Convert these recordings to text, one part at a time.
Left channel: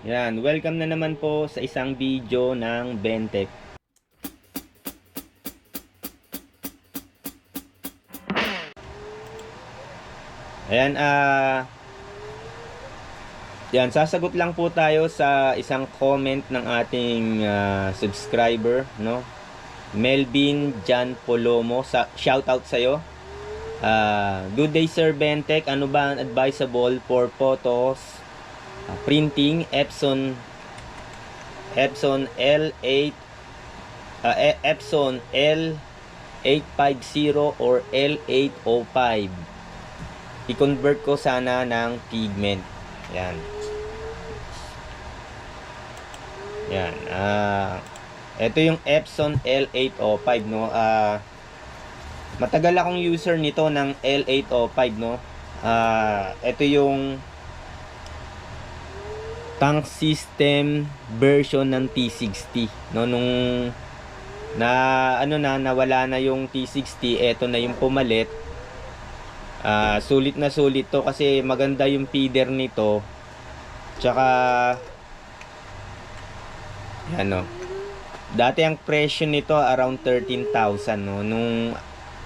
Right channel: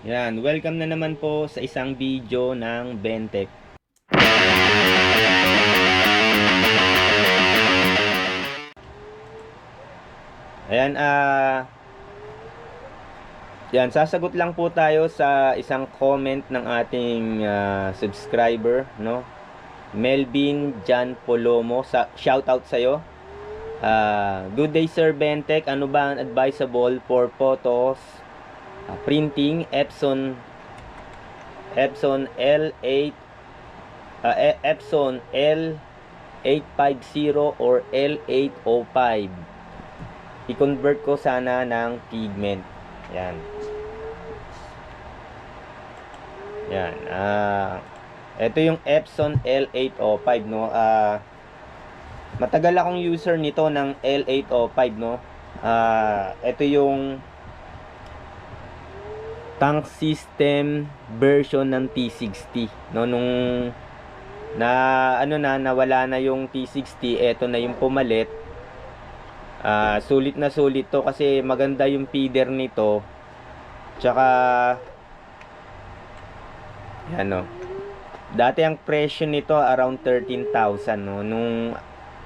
Yan, welcome na naman po sa isang video ng Bentech. Ayan, yan, sasagot lang po tayo sa isang comment ng ating subscriber, no? Melvin Jan Polomo, shout out sa'yo. Good day Sir Bentech, ano ba ang advisable for photos, printing, Epson L8, Epson L850 or L805. I-convert ko sana ng pigment. Yan. Yan. Ito yung Epson L805, no? Matagal akong user nito ng L805, no? Ito yung tank system version ng T60, no? Nung nawala na yung T60, ito na yung pumalit. Sulit na sulit to kasi maganda yung feeder nito. Tsaka yan, no? Dati ang presyo nito around 13,000, no? Nung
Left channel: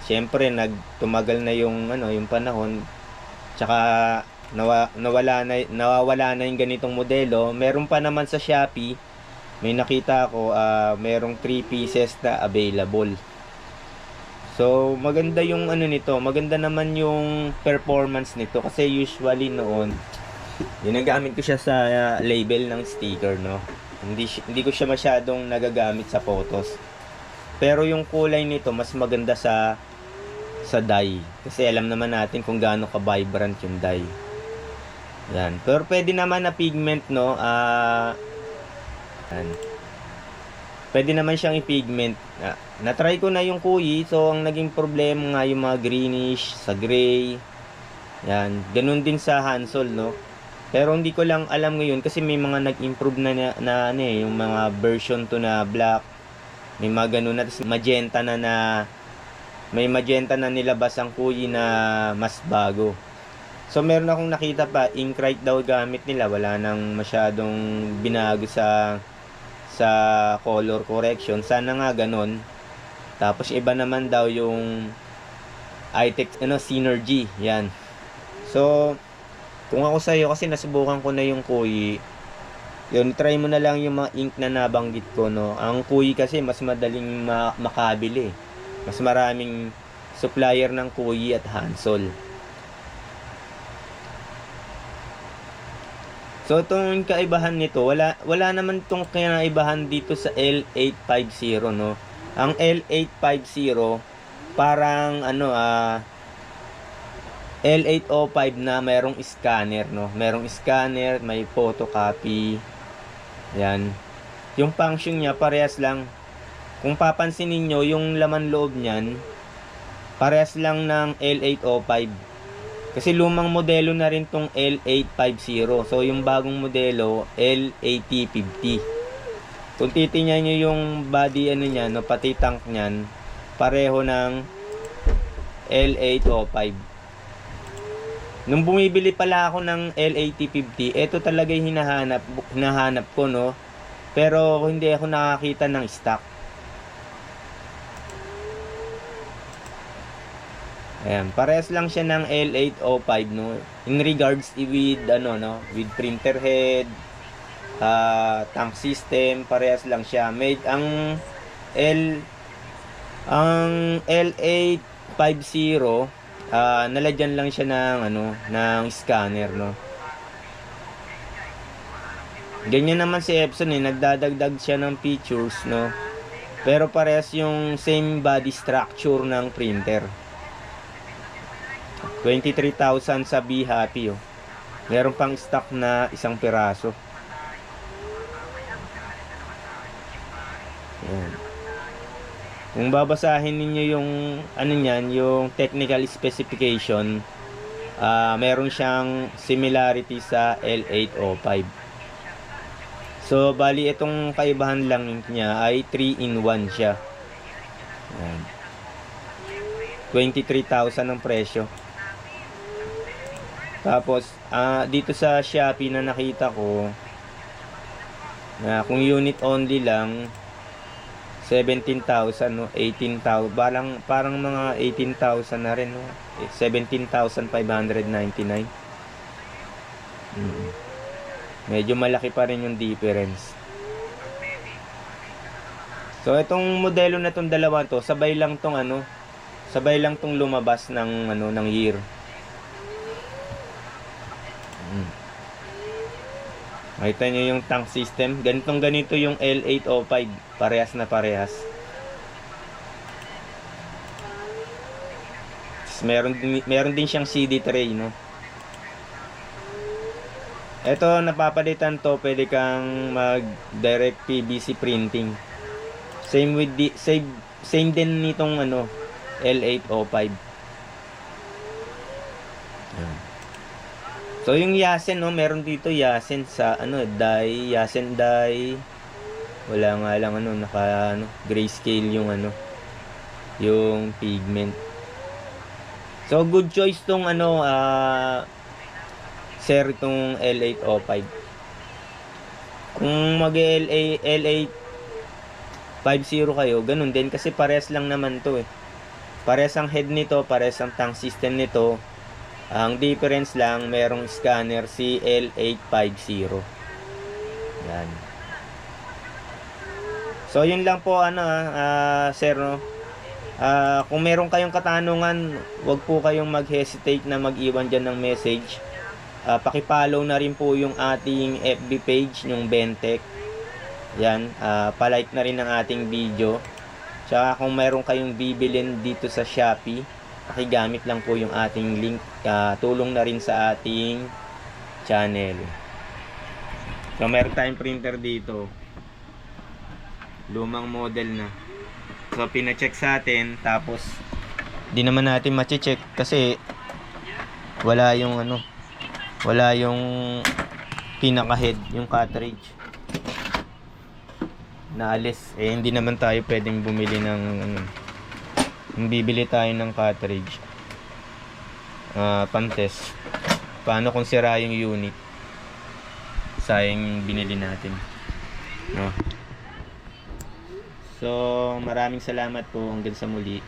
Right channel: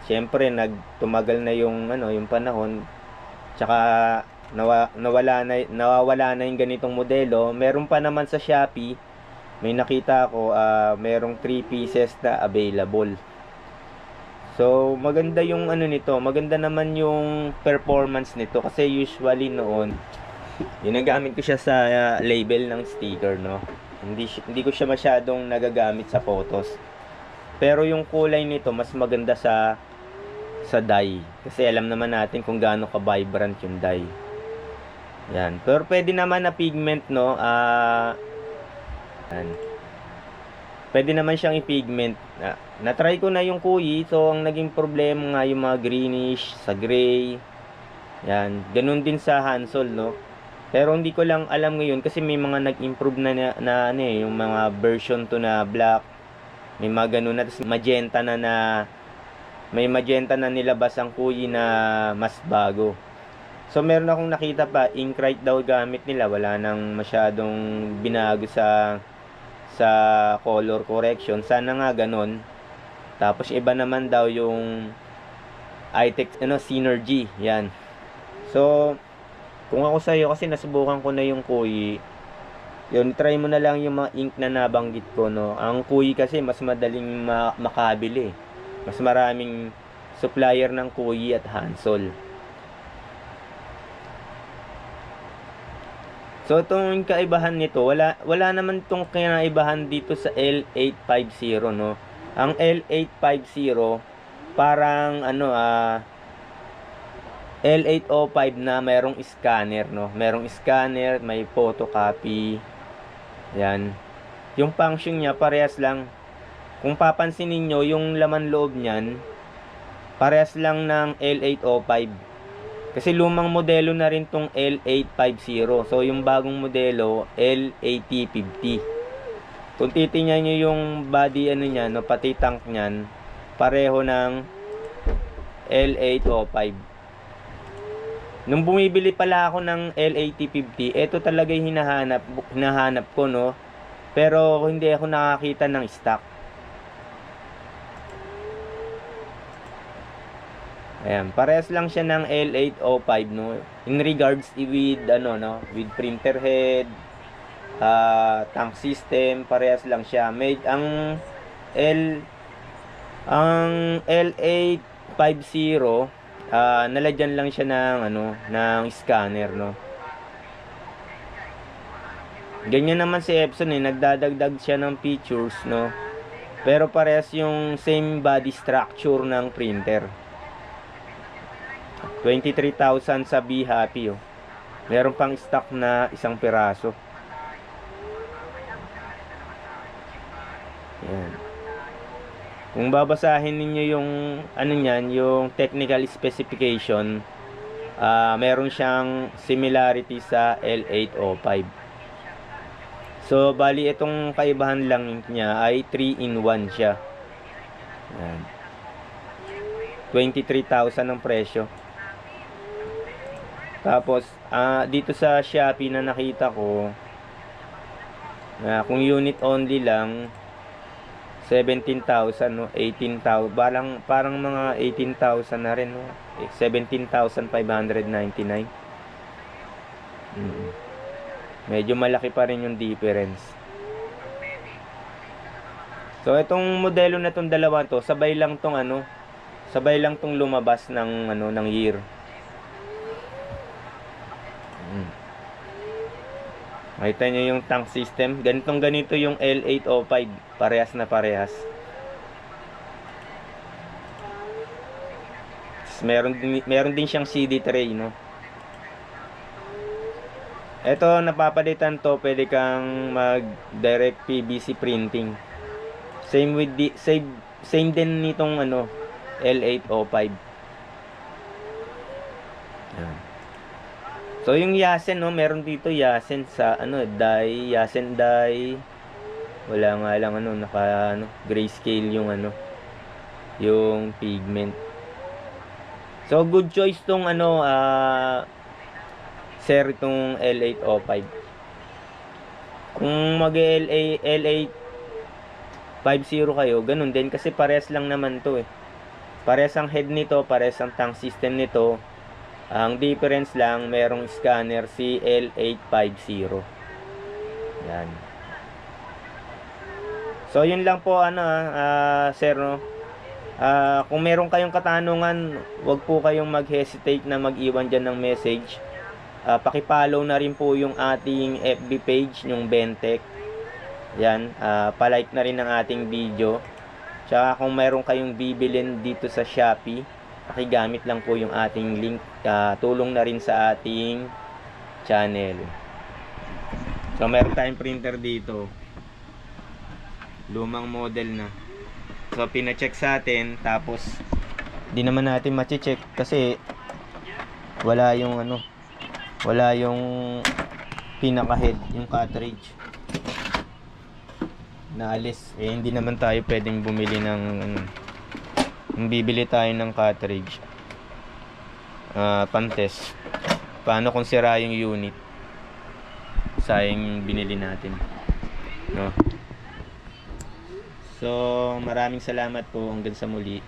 siyempre tumagal na yung yung panahon. Tsaka nawawala na yung ganitong modelo. Meron pa naman sa Shopee. May nakita ako, merong 3 pieces na available. So, maganda yung nito. Maganda naman yung performance nito kasi usually noon ginagamit ko siya sa label ng sticker, no. Hindi ko siya masyadong nagagamit sa photos. Pero yung kulay nito mas maganda sa dye kasi alam naman natin kung gaano ka vibrant yung dye. Yan. Pero pwede naman na pigment, no. Yan. Pwede naman siyang i-pigment. Na-try ko na yung kuyi. So, ang naging problema nga yung mga greenish, sa gray. Yan. Ganun din sa Hansol, no. Pero hindi ko lang alam ngayon kasi may mga nag-improve na yung mga version to na black. May mga ganun na. Magenta may magenta na nilabas ang kuyi na mas bago. So, meron akong nakita pa, Inkrite daw gamit nila. Wala nang masyadong binago sa color correction. Sana nga ganun. Tapos iba naman daw yung iTech Synergy. Yan. So, kung ako sa iyo kasi nasubukan ko na yung kuyi. Yun, try mo na lang yung mga ink na nabanggit ko, no. Ang kuyi kasi mas madaling makabili. Mas maraming supplier ng kuyi at Hansol. So, itong kaibahan nito, wala naman itong kinaibahan dito sa L850, no? Ang L850, parang, L805 na merong scanner, no? Merong scanner, may photocopy. Yan. Yung function niya, parehas lang. Kung papansin niyo yung laman loob niyan, parehas lang ng L805. Kasi lumang modelo na rin tong L850. So, yung bagong modelo, L8050. Kung titingnan nyo yung body niya, no, pati tank niyan, pareho ng L805. Nung bumibili pala ako ng L8050, ito talaga yung hinahanap ko, no. Pero hindi ako nakakita ng stock. Ayan, parehas lang siya ng L805, no. In regards with with printer head, tank system, parehas lang siya. Ang L850, nalagyan lang siya ng scanner, no. Ganyan naman si Epson, nagdadagdag siya ng features, no. Pero parehas yung same body structure ng printer. 23,000 sa Be Happy, oh. Meron pang stock na isang piraso. Ayan. Kung babasahin ninyo yung yung technical specification, meron siyang similarity sa L805. So, bali itong kaibahan lang niya ay 3-in-1 siya. Ayan. 23,000 ang presyo. Tapos, dito sa Shopee na nakita ko, Na kung unit only lang 17,000 no, 18,000 parang mga 18,000 na rin no. 17,599. Medyo malaki pa rin yung difference. So itong modelo na tong dalawa to, sabay lang tong lumabas ng year. Makita nyo yung tank system. Ganito yung L805. Parehas na parehas. Meron din siyang CD tray, no? Ito, napapalitan to. Pwede kang mag direct PVC printing. Same din nitong L805. Yan. So yung Yasen, no, meron dito Yasen sa Yasen dye. Wala nga lang grayscale yung pigment. So good choice tong sir, itong L805. Kung L850 kayo, ganun din kasi parehas lang naman to eh. Parehas ang head nito, parehas ang tank system nito. Ang difference lang, merong scanner si L850. Yan. So yun lang po sir, no. Kung meron kayong katanungan, wag po kayong mag-hesitate na mag-iwan diyan ng message. Paki-follow na rin po yung ating FB page, yung Bentech. Yan, pa-like na rin ang ating video. Tsaka kung meron kayong bibilin dito sa Shopee, pakigamit lang po yung ating link. Tulong na rin sa ating channel. So meron tayong printer dito, lumang model na. So pina-check sa atin, tapos di naman natin ma-check kasi wala yung pinaka-head, yung cartridge naalis. Hindi naman tayo pwedeng bumili ng bibili tayo ng cartridge pan-test. Paano kung sira yung unit? Sayang binili natin, no? So maraming salamat po, hanggang sa muli.